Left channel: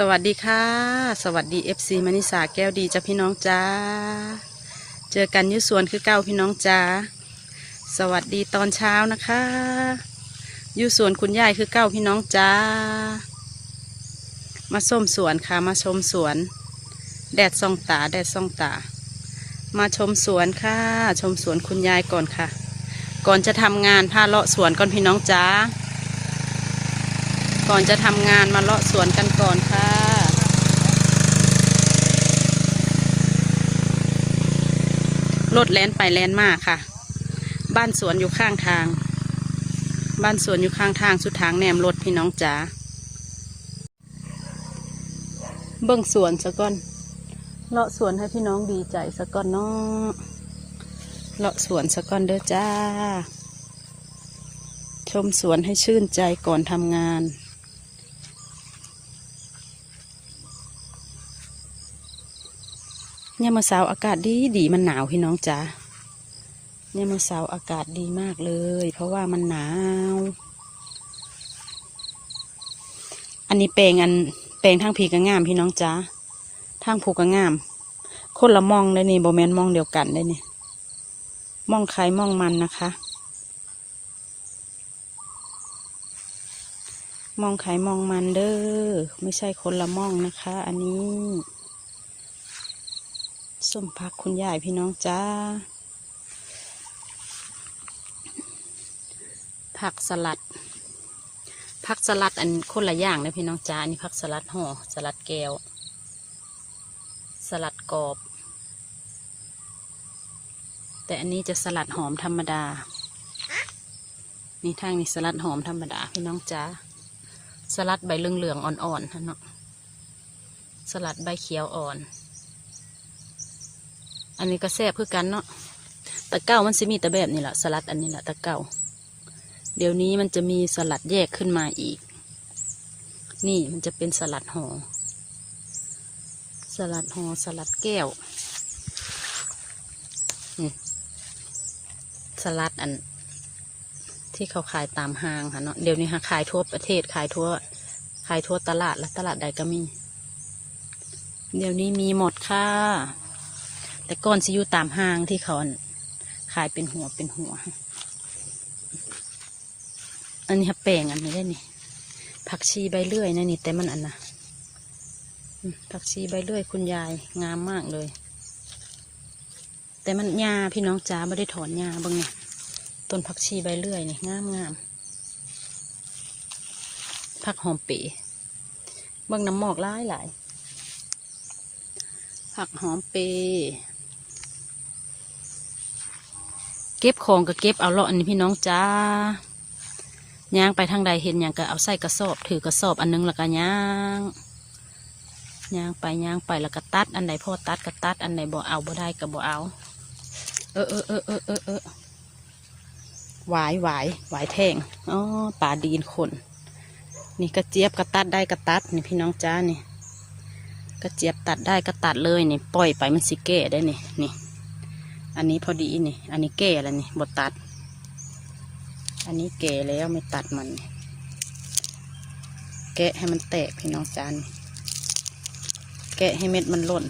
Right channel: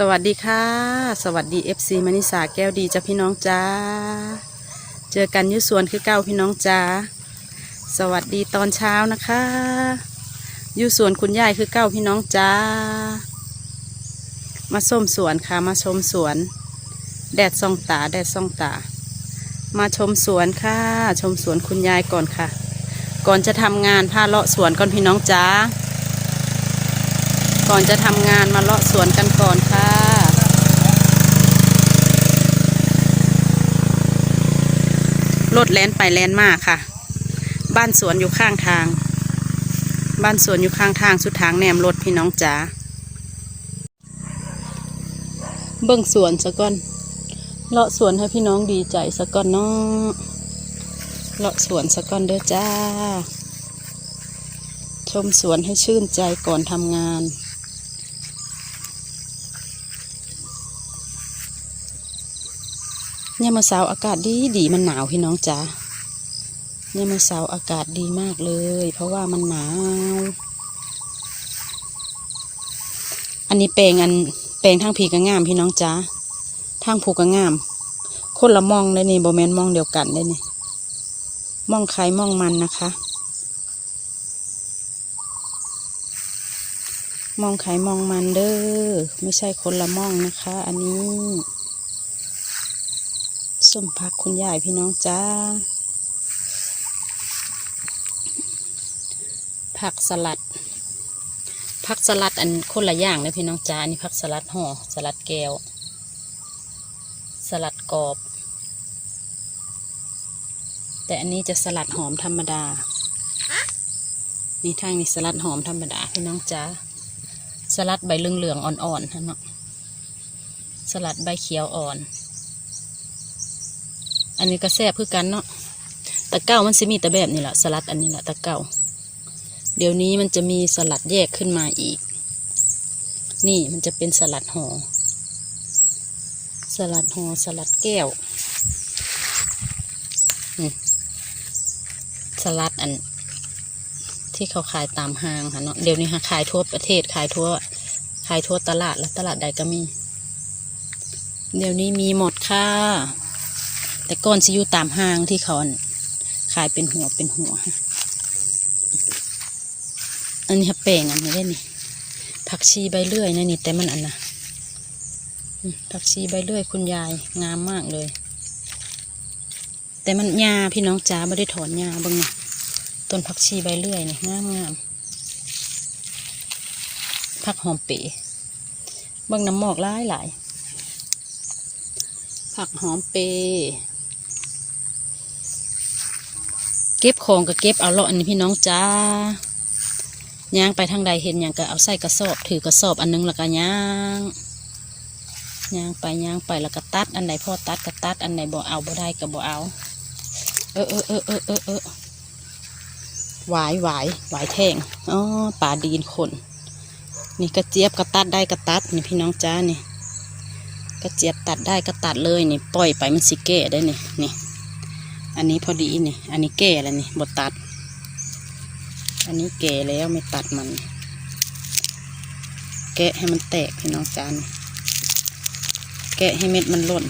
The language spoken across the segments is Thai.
สวัสดีค่ะ สวัสดี FC มณิสาแก้วดีจ้าพี่น้องจ้า เจอกันยุสวนคือเก้าพี่น้องจ้า สวัสดีตอนเช้านะคะยุสวนคุณยายคือเก้าพี่น้องจ้า มาส้มสวนค่ะ มาชมสวน แดดส่องตา แดดส่องตา มาชมสวนค่ะ ชมสวนคุณยายก่อนค่ะ ก่อนจะทำงานพาเลาะสวนก่อนพี่น้องจ้า ก่อนจะทำงานมาเลาะสวนกันก่อนค่ะ ร ถแล่นไปแล่นมาค่ะ บ้านสวนอยู่ข้างทาง บ้านสวนอยู่ข้างทางสุดทางแนมรถพี่น้องจ๋าเบิ่งสวนซะก่อนเลาะสวนให้พี่น้องดีใจซะก่อนเนาะเลาะสวนซะก่อนเด้อจ้า ชมสวนให้ชื่นใจก่อนทำงาน เนี่ยามาเสาอากาศดีดีมันหนาวพี่น้องจ๋าเนี่ยามาเสาอากาศดีมากเลย เพราะว่ามันหนาว อันนี้แปลงอันแปลงทางผีก็งามพี่น้องจ๋าทางผูก็งาม คนละมองได้นี่โบแมนมองเดียวกันได้นี่มองใครมองมันนะคะ มองใครมองมันเด้อไม่ใช่คนละมองนะคะ อันนี้ ส้มผักคุณยายพี่น้องจ้า ผักสลัด ผักสลัดอันคนละอย่างเลยพี่น้องจ้าอันนี้ผักสลัดห่อสลัดแก้ว สลัดกรอบ แต่อันนี้จะสลัดหอมธรรมดา นี่ทางนี้สลัดหอมธรรมดาพี่น้องจ้า สลัดใบเหลืองๆอ่อนๆฮะเนาะ สลัดใบเขียวอ่อน อันนี้ก็แซ่บคือกันเนาะตะเก้ามันสิมีแต่แบบนี้แหละสลัดอันนี้แหละตะเก้าเดี๋ยวนี้มันจะมีสลัดแยกขึ้นมาอีก นี่มันจะเป็นสลัดห่อสลัดห่อสลัดแก้วนี่สลัดอัน ที่เขาขายตามห้างค่ะเนาะเดี๋ยวนี้ค่ะขายทั่วประเทศขายทั่วขายทั่วตลาดและตลาดใดก็มี เดี๋ยวนี้มีหมดค่ะ แต่ก่อนสิอยู่ตามห้างที่เขาขายเป็นหัวเป็นหัว อันนี้ค่ะแป้งอันนี้ได้นี่ผักชีใบเลื่อยนะนี่แต่มันอันนะผักชีใบเลื่อยคุณยายงามมากเลย แต่มันหญ้าพี่น้องจ้าไม่ได้ถอนหญ้าบ้างนะต้นผักชีใบเลื่อยนี่งามงามผักหอมเป๋เบางน้ำหมอกหลายหลายผักหอมเปรย์ เก็บของก็เก็บเอาเลาะอันนี้พี่น้องจ้าย่างไปทางใดเห็นอย่างก็เอาใส่กระสอบ ถือกระสอบอันนึงแล้วก็ย่างย่างไปย่างไปแล้วก็ตัด อันไหนพอตัดก็ตัดอันไหนบ่เอาบ่ได้ก็บ่เอา เออเออเออเออเออเออหวายหวายหวายแทงอ๋อป่าดีนคน นี่กระเจี๊ยบก็ตัดได้ก็ตัดนี่พี่น้องจ้านี่กระเจี๊ยบตัดได้ก็ตัดเลยนี่ปล่อยไปมันสิเก้ได้นี่นี่ อันนี้พอดีนี่ อันนี้เก้แล้วนี่บดตัด อันนี้เก้แล้วไม่ตัดมัน แกะให้มันแตกพี่น้องจานแกะให้เม็ดมันหล่น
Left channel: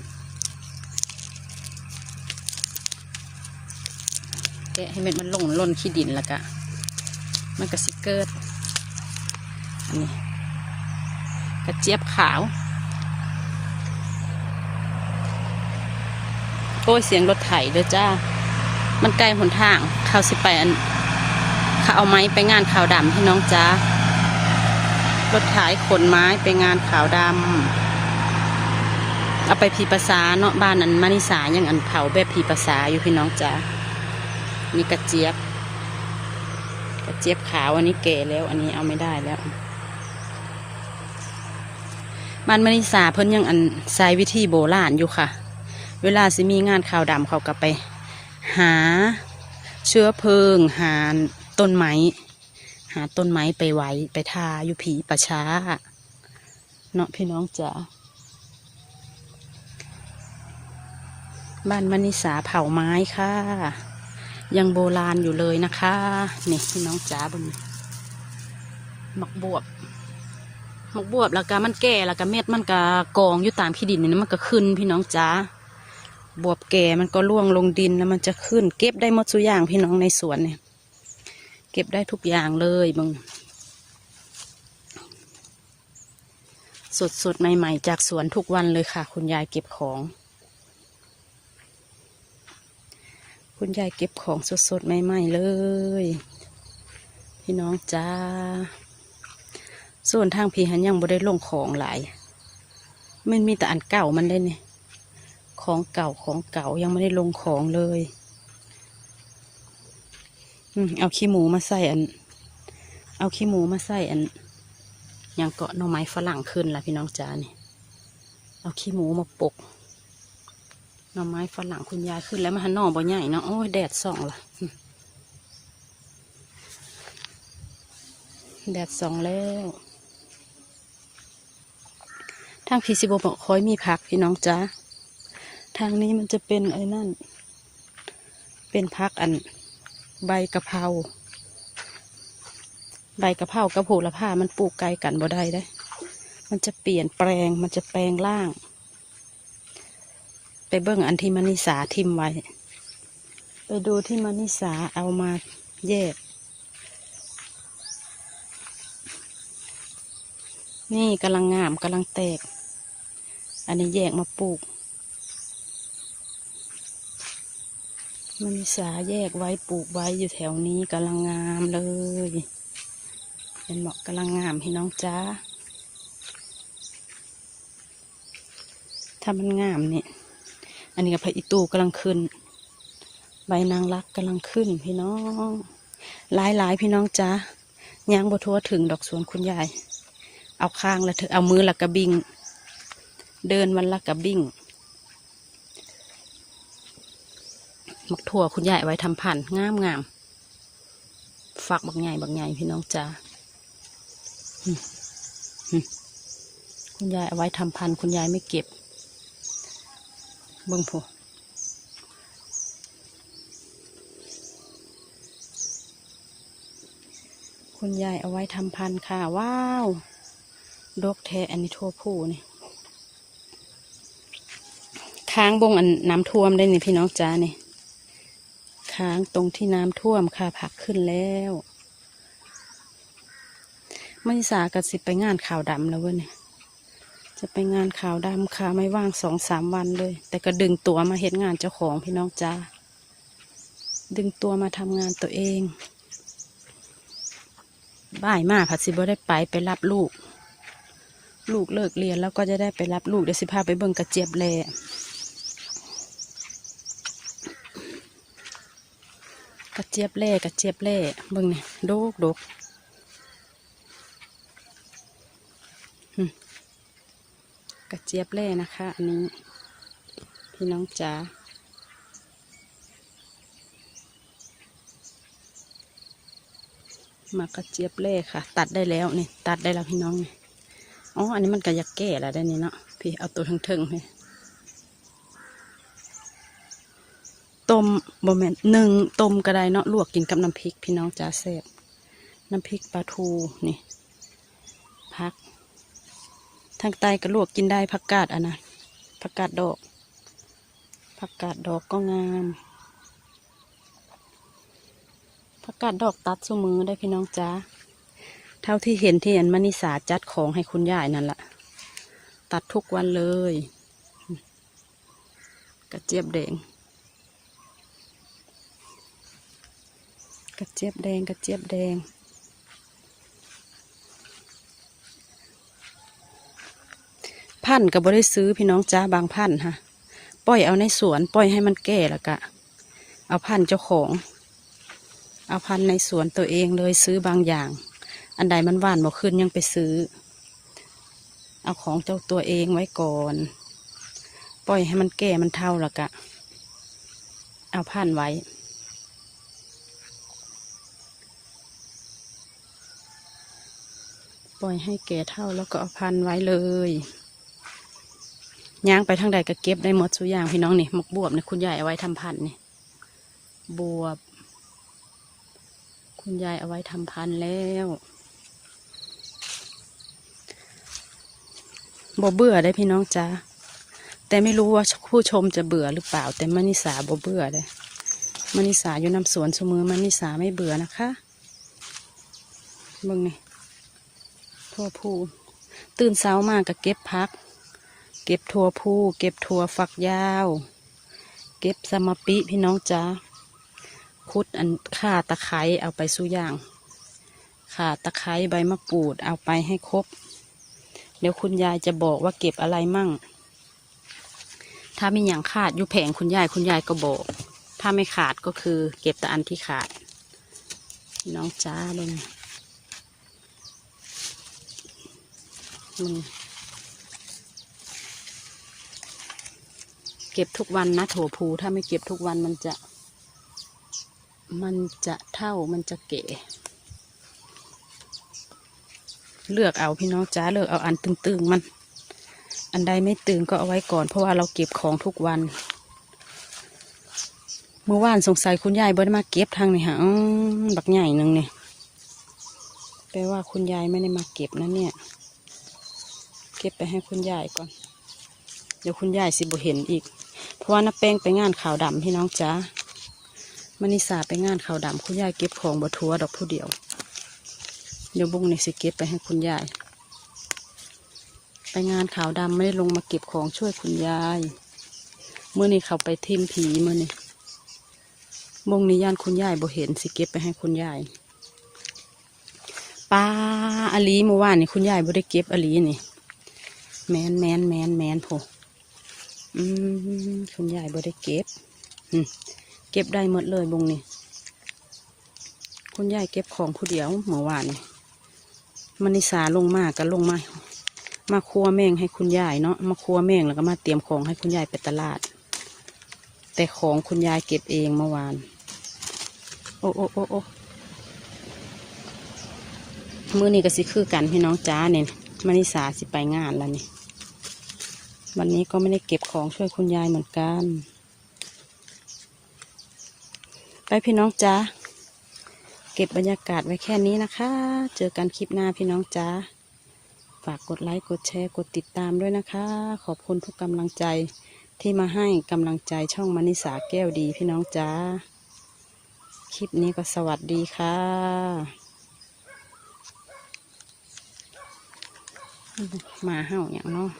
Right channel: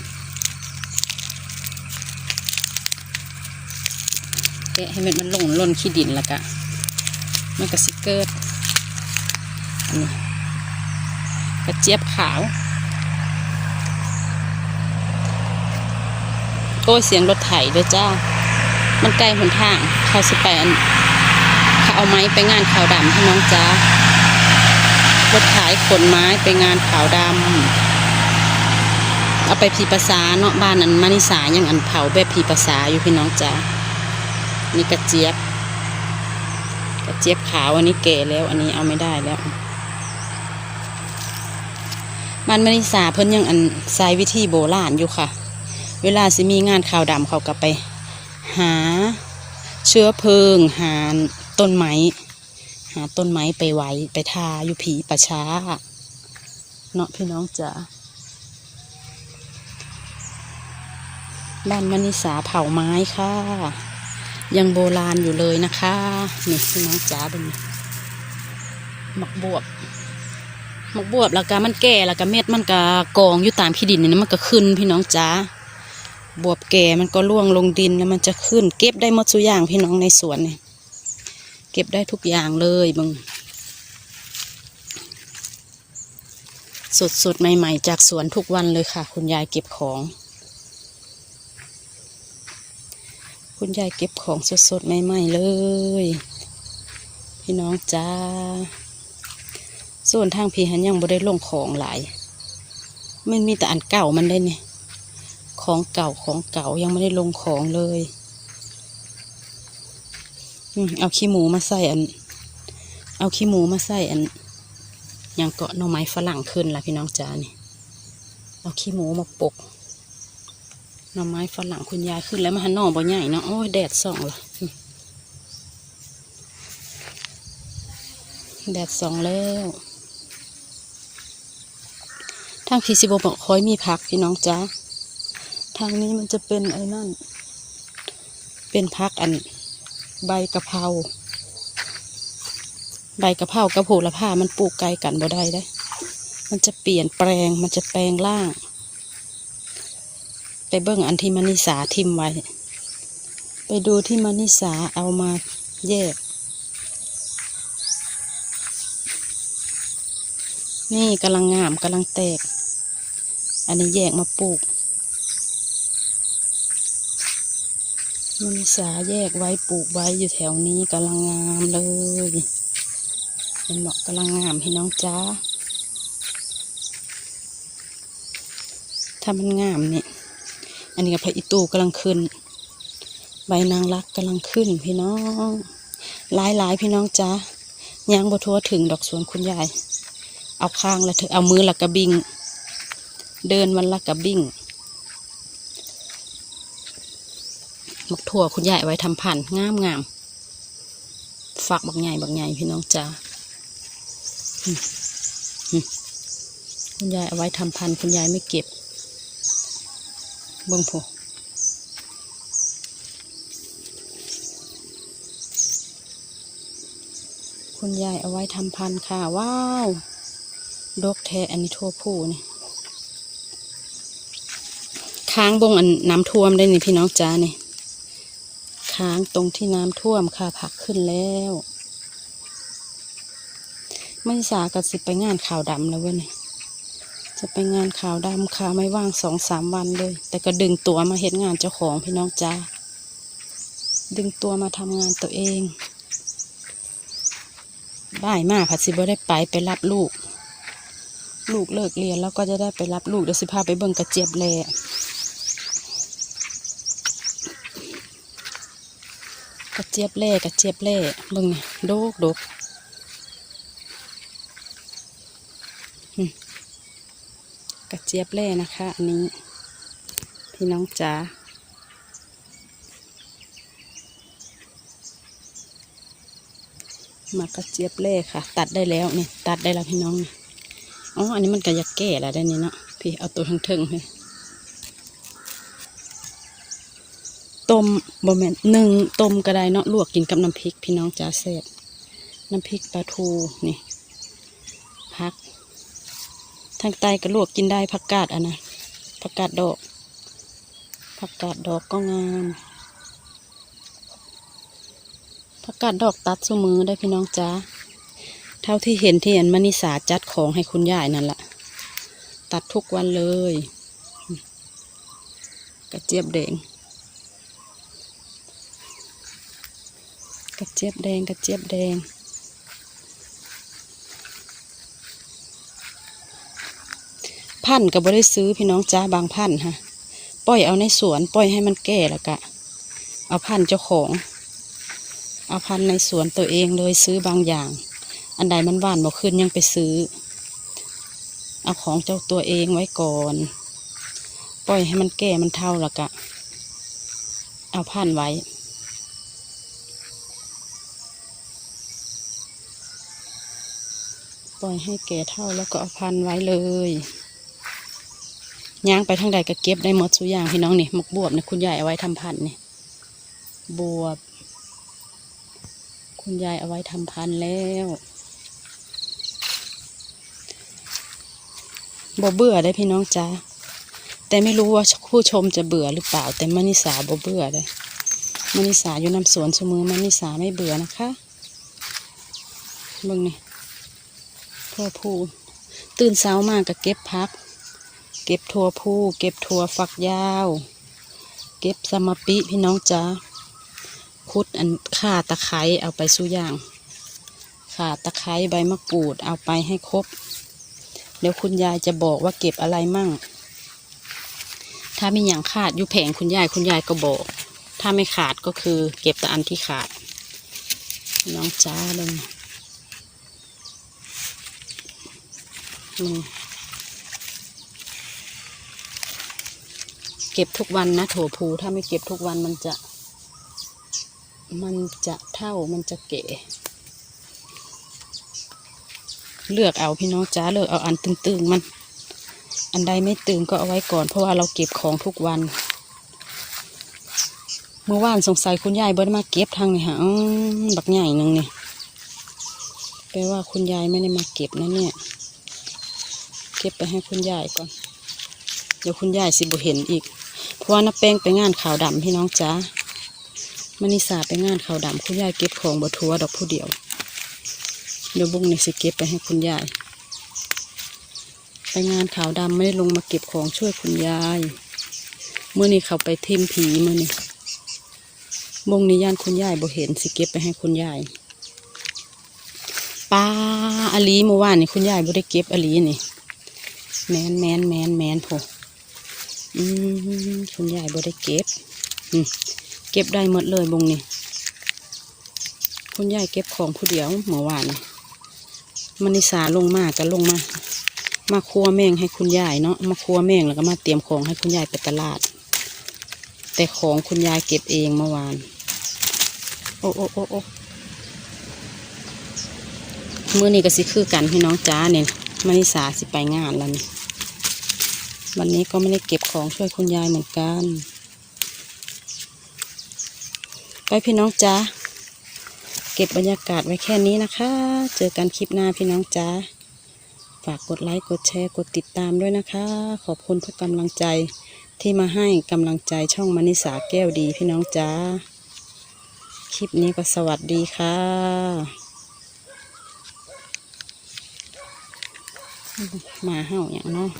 แกะให้เม็ดมันหล่นหล่นขี้ดินแล้วก็มันก็สิเกิด อันนี้กระเจี๊ยบขาว โอ้เสียงรถไถด้วยจ้า มันไกลหนทางเขาสิไปอันเขาเอาไม้ไปงานขาวดำพี่น้องจ้ารถไถขนไม้ไปงานขาวดำเอาไปผีภาษาเนาะบ้านอันมานิสายังอันเผาแบบผีภาษาอยู่พี่น้องจ้านี่กระเจี๊ยบ กระเจี๊ยบขาวอันนี้เก๋แล้ว อันนี้เอาไม่ได้แล้วบ้านมานิสาเพิ่นยังอันใช้วิธีโบราณอยู่ค่ะ เวลาสิมีงานข่าวดำเขาก็ไป หาเชื้อเพลิง หาต้นไม้ หาต้นไม้ไปไว้ไปทาอยู่ผีประช้าเนาะพี่น้องจ๋าบ้านมณิสาเผาไม้ค่ะ ยังโบราณอยู่เลยนะคะนี่พี่น้องจ๋าบนหมักบวบมักบวบแล้วก็มันแก่แล้วก็เม็ดมันก็กองอยู่ตามขี้ดินนี่มันก็ขึ้นพี่น้องจ้า บวบแก่มันก็ร่วงลงดินแล้วมันจะขึ้น เก็บได้หมดทุกอย่างพี่น้องในสวนเนี่ยเก็บได้ทุกอย่างเลยมึงสดสดๆใหม่ ๆ จากสวนทุกวันเลยค่ะ คุณยายเก็บของ คุณยายเก็บของสดสดๆใหม่ ๆ เลย พี่น้องจ้าส่วนทางพี่หันยังบ่ได้ลงของหลายมันมีแต่อันเก่ามันได้เนี่ย ของเก่าของเก่ายังไม่ได้ลงของเลยอืมเอาขี้หมูมาใส่อัน เอาขี้หมูมาใส่อันยังเกาะหน่อไม้ฝรั่งขึ้นละพี่น้องจ้านี่ เอาขี้หมูมาปกหน่อไม้ฝรั่งคุณยายขึ้นแล้วมาหันหน่อบ่ใหญ่เนาะโอ้ยแดดส่องละแดดส่องแล้วทางพีซิโบบอกคอยมีผักพี่น้องจ้า ทางนี้มันจะเป็นไอ้นั่น เป็นผักอันใบกะเพรา ใบกะเพรากระโผละผ้ามันปลูกไกลกันบ่ได้ได้ มันจะเปลี่ยนแปลง มันจะแปลงร่าง ไปเบิ่งอันที่มนิสาทิมไว้ ไปดูที่มนิสาเอามาแยก นี่กำลังงามกำลังแตก อันนี้แยกมาปลูก มันมีสาแยกไว้ปลูกไว้อยู่แถวนี้กำลังงามเลยเป็นเหมาะกำลังงามพี่น้องจ้าถ้ามันงามเนี่ย อันนี้กับพระอิตูกำลังขึ้น ใบนางรักกำลังขึ้นพี่น้องหลายหลายๆพี่น้องจ้าย่างบทัวถึงดอกสวนคุณยาย เอาข้างละเถอเอามือละกระบิง เดินมันละกระบิง มักถั่วคุณยายไว้ทำพันธ์งามงามฝักบักใหญ่บักใหญ่พี่น้องจ้าคุณยายเอาไว้ทำพันคุณยายไม่เก็บเบิ่งผู้คุณยายเอาไว้ทำพันค่ะ ว้าวดกแท้อันนี้ทั่วผู้นี่ค้างบงอันน้ำท่วมได้นี่พี่น้องจ้านี่ ค้างตรงที่น้ำท่วมค่ะผักขึ้นแล้วไม่สากับสิไปงานข่าวดำแล้วเว้ยเนี่ยจะไปงานข่าวดำค่ะไม่ว่างสองสามวันเลย แต่ก็ดึงตัวมาเห็นงานเจ้าของพี่น้องจ้าดึงตัวมาทำงานตัวเองบ่ายมากผัดสิบ่ได้ไปไปรับลูก ลูกเลิกเรียนแล้วก็จะได้ไปรับลูกเดี๋ยวสิพาไปเบิ่งกระเจี๊ยบแลกระเจี๊ยบแล่กระเจี๊ยบแล่เบิ่งเนี่ยโดกดกกระเจี๊ยบแล่นะคะ อันนี้พี่น้องจ๋าหมากกระเจี๊ยบแล่ค่ะ ตัดได้แล้วนี่ตัดได้แล้วพี่น้องนี่อ๋ออันนี้มันก็อยากแก่แล้วได้นี่เนาะพี่เอาตัวทั้งเทิงเลย ต้มบะแมนหนึ่งต้มก็ได้เนาะลวกกินกับน้ำพริกพี่น้องจ้าแซ่บน้ำพริกปลาทูนี่พัก ทางใต้ก็ลวกกินได้ผักกาดอะนะผักกาดดอกผักกาดดอกก็งามผักกาดดอกตัดสมือได้พี่น้องจ้าเท่าที่เห็นที่อันมณิสาจัดของให้คุณยายนั่นแหละตัดทุกวันเลย กระเจี๊ยบแดง กระ เจี๊ยบแดงกระเจี๊ยบแดง พันก็บ่ได้ซื้อพี่น้องจ้าบางพันฮะปล่อยเอาในสวนปล่อยให้มันแก่แล้วกะ เอาพันเจ้าของ เอาพันในสวนตัวเองเลยซื้อบางอย่าง อันใดมันหวานบ่ขึ้นยังไปซื้อ เอาของเจ้าตัวเองไว้ก่อน ปล่อยให้มันแก่มันเท่าแล้วกะ เอาผ่านไว้ ปล่อยให้แก่เท่าแล้วก็เอาพันไว้เลยย่างไปทางใดก็เก็บได้หมดทุอย่างพี่น้องนี่หมกบวบนี่คุณยายเอาไว้ทำพันนี่บวบ คุณยายเอาไว้ทำพันแล้วบ่เบื่อได้พี่น้องจ้าแต่ไม่รู้ว่าผู้ชมจะเบื่อหรือเปล่า แต่มานิสาบ่เบื่อเลยมานิสาอยู่นำสวนเสมอมานิสาไม่เบื่อนะคะเบิ่งนี่ ทั่วผู้ตื่นเช้ามากก็เก็บพัก เก็บทั่วผู้เก็บทั่วฝักยาว เก็บสมปิพี่น้องจ้าคุดอันข่าตะไคร้เอาไปสู้ย่างข่าตะไคร้ใบมะกรูดเอาไปให้ครบ เดี๋ยวคุณยายจะบอกว่าเก็บอะไรมั่ง ถ้ามีอย่างขาดอยู่แผงคุณยายคุณยายก็บอก ถ้าไม่ขาดก็คือเก็บแต่อันที่ขาด น้องจ้าเลย เก็บทุกวันนะถั่วพูถ้าไม่เก็บทุกวันมันจะ มันจะเท่ามันจะเก๋เลือกเอาพี่น้องจ้าเลือกเอาอันตึงๆมัน อันใดไม่ตึงก็เอาไว้ก่อน เพราะว่าเราเก็บของทุกวัน เมื่อวานสงสัยคุณยายบ่ได้มาเก็บทางนี่ฮะอื้อบักใหญ่นึงเนี่ยแปลว่าคุณยายไม่ได้มาเก็บนะเนี่ย เก็บไปให้คุณยายก่อน เดี๋ยวคุณยายสิบ่เห็นอีก เพราะว่าน้าแป้งไปงานขาวดำพี่น้องจ้ามานิสาไปงานขาวดำคุณยายเก็บของบ่ทัวดอกผู้เดียว เดี๋ยวบุ้งนี่สิเก็บไปให้คุณยาย ไปงานขาวดำไม่ได้ลงมาเก็บของช่วยคุณยายเมื่อนี้เขาไปเทมผีเมื่อนี้บงนี้ย่านคุณยายบ่เห็นสิเก็บไปให้คุณยายปลาอลีเมื่อวานนี่คุณยายบ่ได้เก็บอลีนี่ แมนแมนแมนแมนโผอืมคุณยายบ่ได้เก็บเก็บได้หมดเลยบุงนี่คุณยายเก็บของผู้เดียวเมื่อวานมันิสาลงมาก็ลงมา มาครัวแมงให้คุณยายเนาะมาครัวแมงแล้วก็มาเตรียมของให้คุณยายไปตลาด แต่ของคุณยายเก็บเองเมื่อวาน โอ้โอ้โอ้โอ้มื้อนี้ก็สิคือกันพี่น้องจ้าเนี่ยมานิสาสิไปงานแล้วนี่ วันนี้ก็ไม่ได้เก็บของช่วยคุณยายเหมือนกัน ไปพี่น้องจ้าเก็บบรรยากาศไว้แค่นี้นะคะ เจอกันคลิปหน้าพี่น้องจ้าฝากกดไลค์ กดแชร์ กดติดตามด้วยนะคะ ขอบคุณทุกกำลังใจที่มาให้กำลังใจช่องมณิสาแก้วดีพี่น้องจ้า คลิปนี้ก็สวัสดีค่ะมาเห่าอย่างเนาะ